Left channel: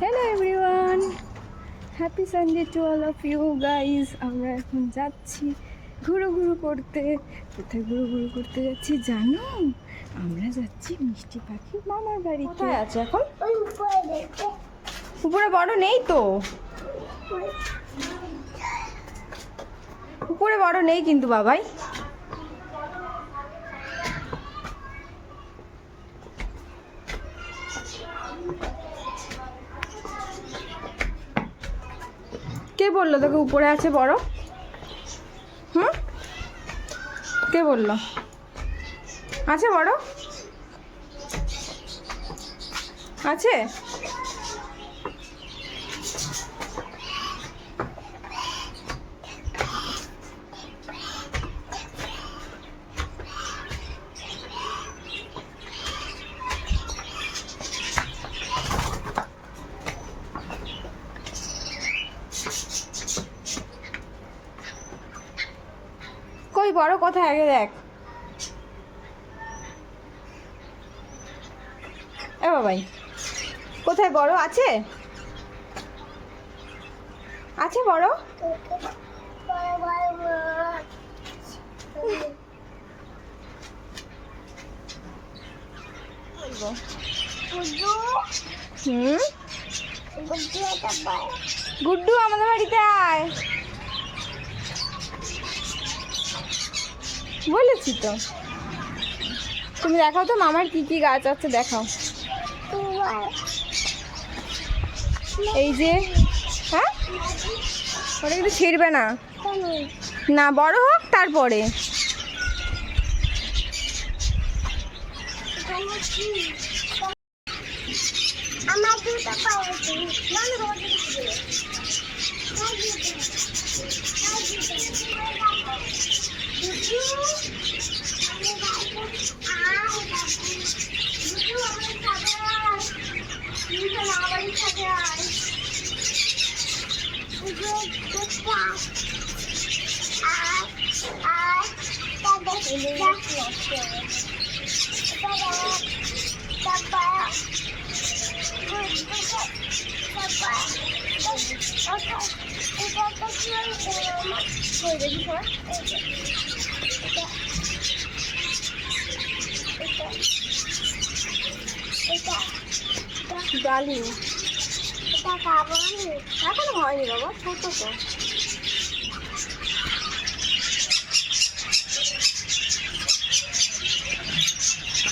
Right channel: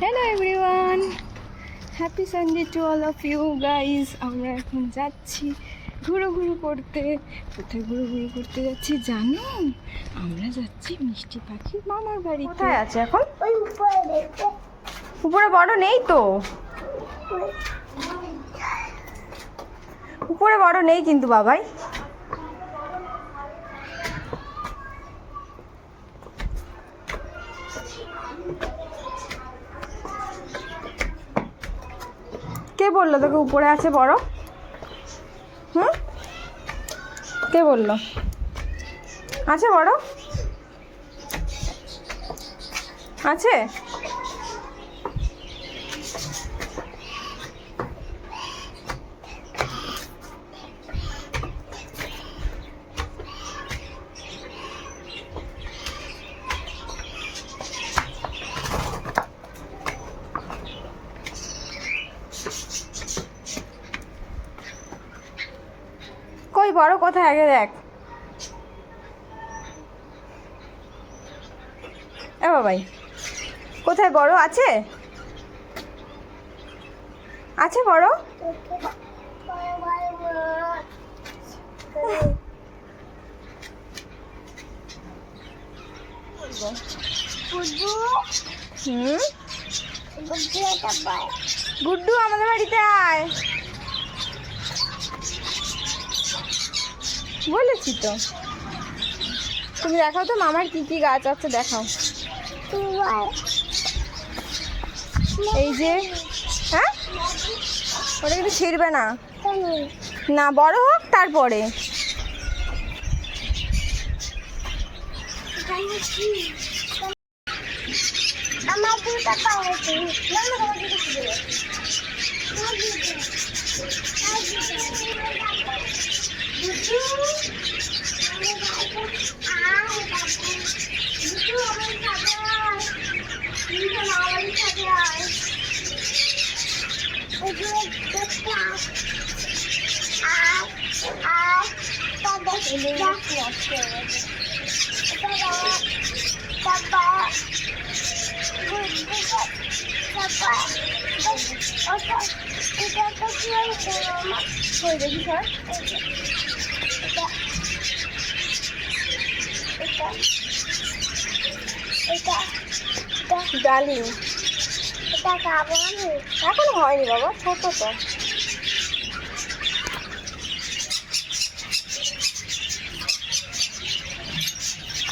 Hello everyone, happy Sunday to all of you guys. আমরা এখন যাচ্ছি ঘুরো করতে। কোথায় ঘুরো করতে যাচ্ছি জানো? আমরা যাচ্ছি মিষ্টি পাখির মামার বাড়ি। কোথায় আছে এখন? উপরে বড় নেই তো, উপরে বড় নেই কিন্তু বাবাই। কে বললো তোকে উপরে আছে বড়? কে বললো আছে বড়? আছে? কই বড় কোথায় আগে দেখ। এ বাবাই, কোথায় বড় আছে? আছে বড়? গুড্ডু আমাদের বাড়িতে আয় বলেছি তো। তুমি দেখাও তো মামার কি কি গাছ আছে, দেখাও। এই যে, হ্যাঁ ওটা কিন্তু ছিঁড়বে না, না বড় হোক তারপরে। ডালিম এখনো হয়নি বাবা, ছোট তো।